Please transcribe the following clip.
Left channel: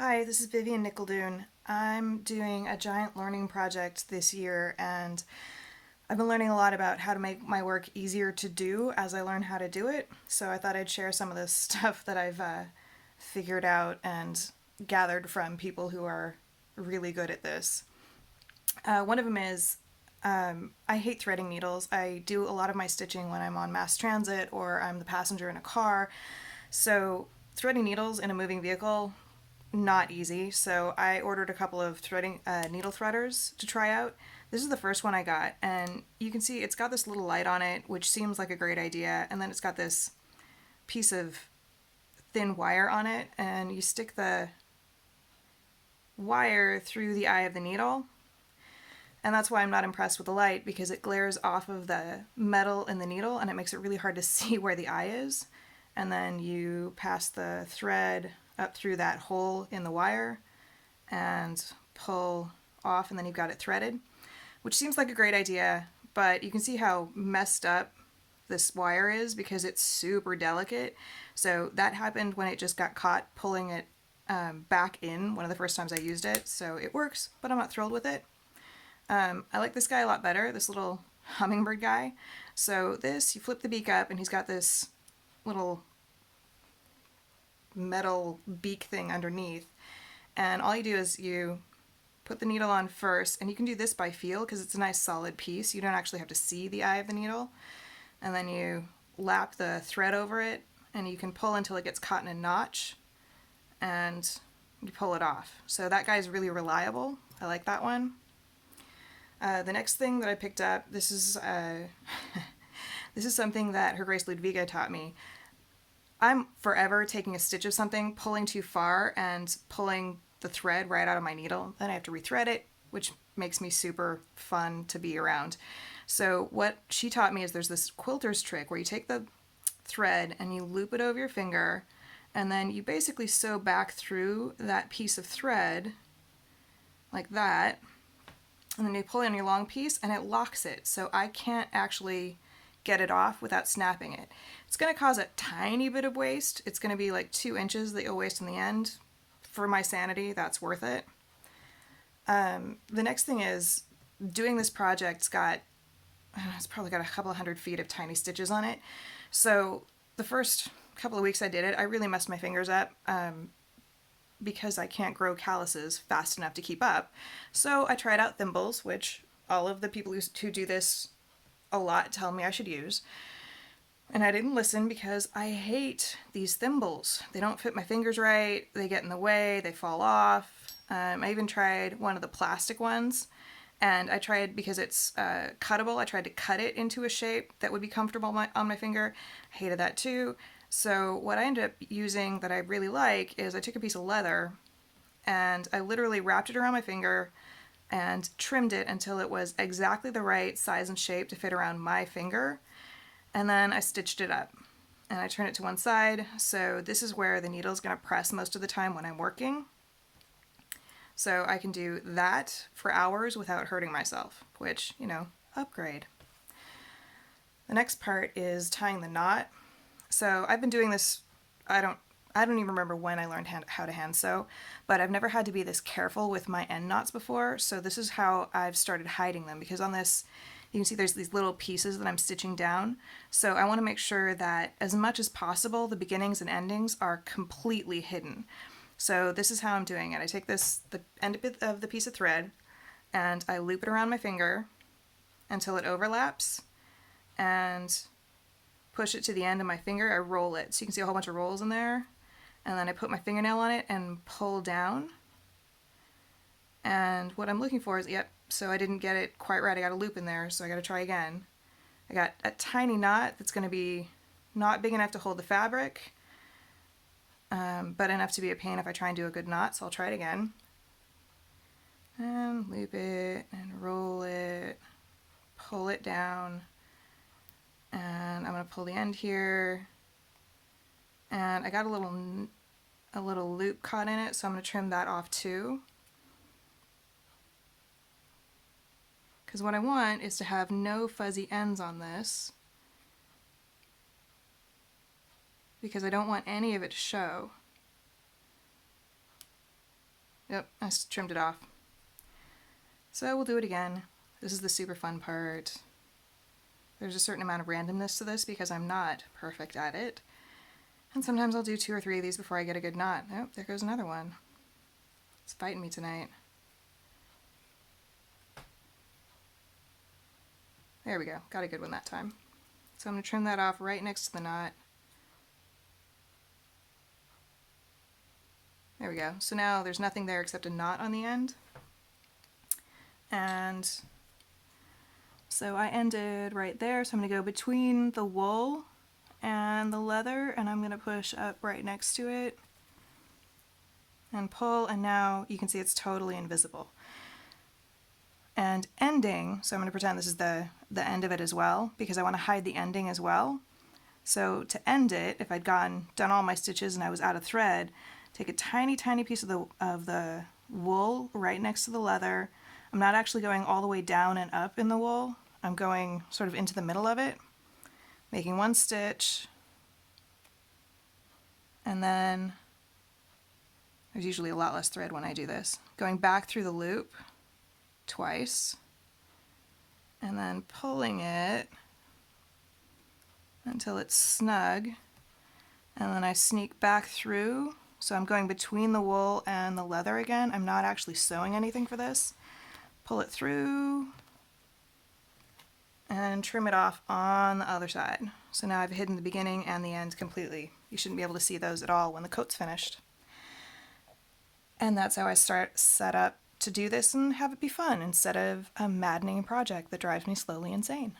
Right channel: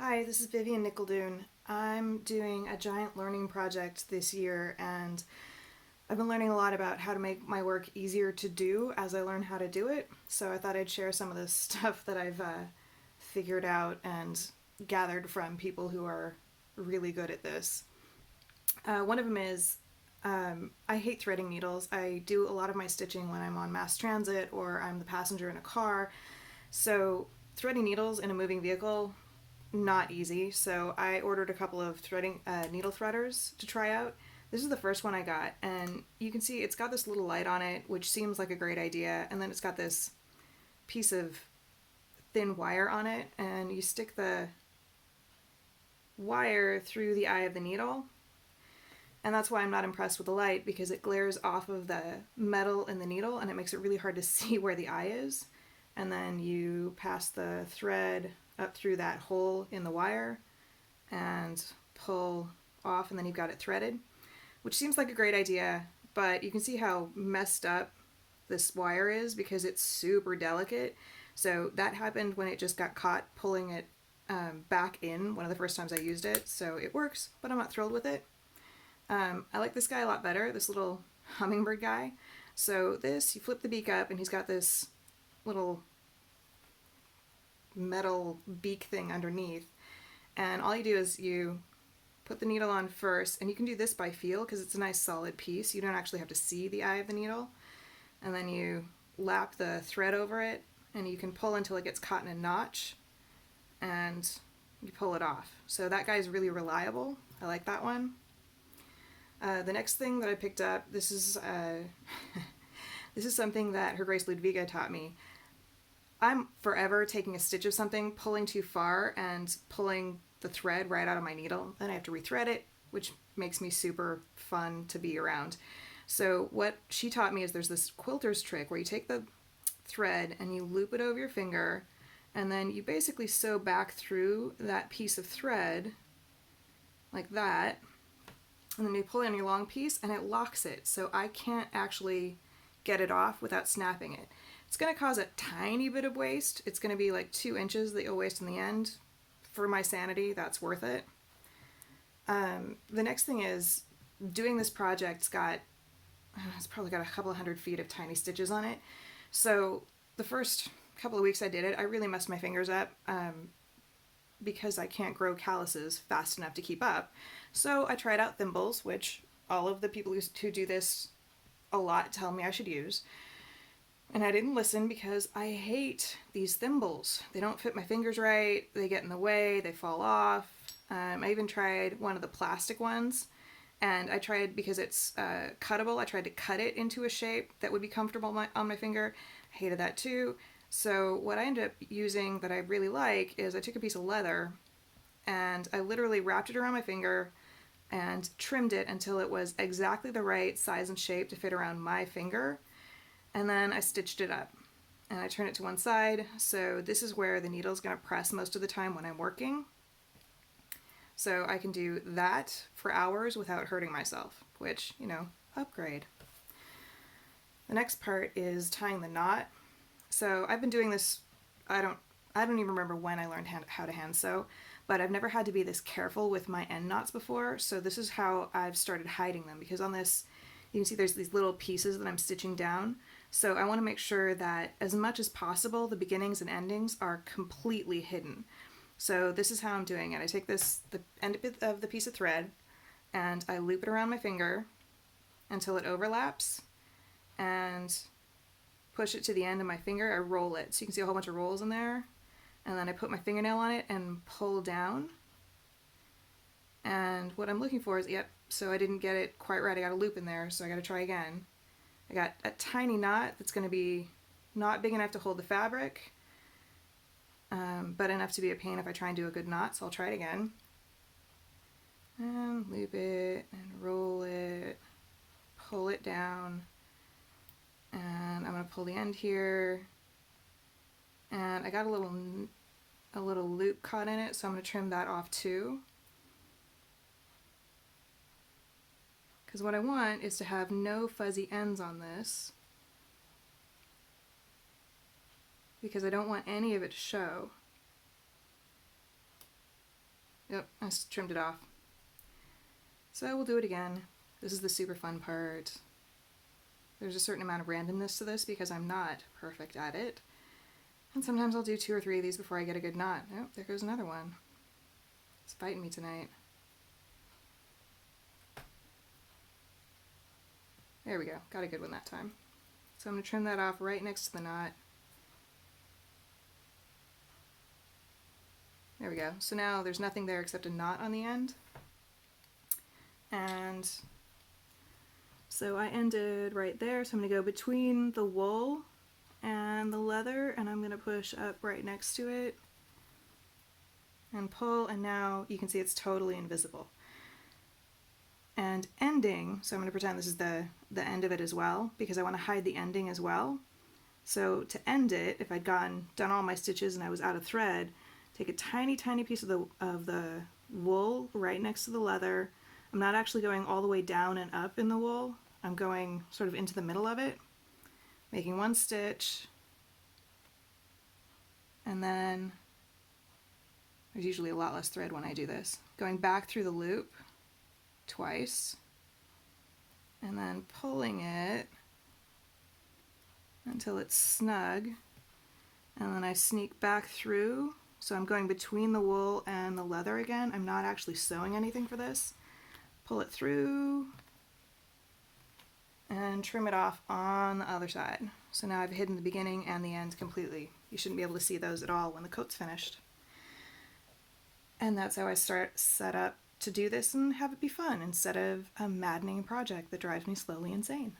Hi, this is Vivien NicUldoon. I'm doing a giant learning project this year, and I've been learning a lot about how to make my work easier to do as I learn how to do it. So I thought I'd share some of this stuff that I've figured out and gathered from people who are really good at this. One of them is I hate threading needles. I do a lot of my stitching when I'm on mass transit or I'm the passenger in a car. So threading needles in a moving vehicle, not easy. So I ordered a couple of threading needle threaders to try out. This is the first one I got, and you can see it's got this little light on it, which seems like a great idea. And then it's got this piece of thin wire on it, and you stick the wire through the eye of the needle. And that's why I'm not impressed with the light, because it glares off of the metal in the needle and it makes it really hard to see where the eye is. And then you pass the thread up through that hole in the wire and pull off, and then you've got it threaded, which seems like a great idea, but you can see how messed up this wire is because it's super delicate. So that happened when it just got caught pulling it back in one of the first times I used it. So it works, but I'm not thrilled with it. I like this guy a lot better, this little hummingbird guy. So this, you flip the beak up and he's got this little metal beak thing underneath. And all you do is you put the needle on first, and you can do this by feel because it's a nice solid piece. You don't actually have to see the eye of the needle. And then you lap the thread over it, and you can pull until it gets caught in a notch, and you pull it off. So that guy's really reliable. I like that one. The next thing that I picked up, this is this is something that Her Grace Ludwiga taught me. I'm forever taking a stitch of something, pulling too far, and pulling the thread right out of my needle. Then I have to rethread it, which makes me super fun to be around. So what she taught me is there's this quilter's trick where you take the thread and you loop it over your finger, and then you basically sew back through that piece of thread like that, and then you pull in your long piece and it locks it, so I can't actually get it off without snapping it. It's going to cause a tiny bit of waste. It's going to be like 2 inches that you'll waste in the end. For my sanity, that's worth it. The next thing is doing this project's got, it's probably got a couple of 100 feet of tiny stitches on it. So the first couple of weeks I did it, I really messed my fingers up because I can't grow calluses fast enough to keep up. So I tried out Thimbles, which all of the people who do this a lot tell me I should use. And I didn't listen because I hate these thimbles. They don't fit my fingers right, they get in the way, they fall off. I even tried one of the plastic ones, and I tried, because it's cuttable, I tried to cut it into a shape that would be comfortable on my finger. I hated that too. So what I ended up using that I really like is I took a piece of leather and I literally wrapped it around my finger and trimmed it until it was exactly the right size and shape to fit around my finger. And then I stitched it up and I turned it to one side. So this is where the needle is going to press most of the time when I'm working. So I can do that for hours without hurting myself, which, upgrade. The next part is tying the knot. So I've been doing this, I don't even remember when I learned how to hand sew, but I've never had to be this careful with my end knots before. So this is how I've started hiding them, because on this, you can see there's these little pieces that I'm stitching down. So I want to make sure that as much as possible, the beginnings and endings are completely hidden. So this is how I'm doing it. I take the end of the piece of thread and I loop it around my finger until it overlaps and push it to the end of my finger. I roll it. So you can see a whole bunch of rolls in there. And then I put my fingernail on it and pull down. And what I'm looking for is, so I didn't get it quite right. I got a loop in there, so I got to try again. I got a tiny knot that's going to be not big enough to hold the fabric, but enough to be a pain if I try and do a good knot, so I'll try it again. And loop it, and roll it, pull it down, and I'm going to pull the end here, and I got a little loop caught in it, so I'm going to trim that off too. Because what I want is to have no fuzzy ends on this, because I don't want any of it to show. Yep, I trimmed it off. So we'll do it again. This is the super fun part. There's a certain amount of randomness to this because I'm not perfect at it. And sometimes I'll do 2 or 3 of these before I get a good knot. Oh, there goes another one. It's biting me tonight. There we go. Got a good one that time. So I'm going to trim that off right next to the knot. There we go. So now there's nothing there except a knot on the end. And so I ended right there. So I'm going to go between the wool and the leather, and I'm going to push up right next to it and pull, and now you can see it's totally invisible. And ending, so I'm going to pretend this is the end of it as well, because I want to hide the ending as well. So to end it, if I'd done all my stitches and I was out of thread, take a tiny, tiny piece of the wool right next to the leather. I'm not actually going all the way down and up in the wool. I'm going sort of into the middle of it, making one stitch, and then there's usually a lot less thread when I do this. Going back through the loop twice, and then pulling it until it's snug, and then I sneak back through. So I'm going between the wool and the leather again. I'm not actually sewing anything for this. Pull it through and trim it off on the other side. So now I've hidden the beginning and the end completely. You shouldn't be able to see those at all when the coat's finished. And that's how I set up to do this and have it be fun instead of a maddening project that drives me slowly insane.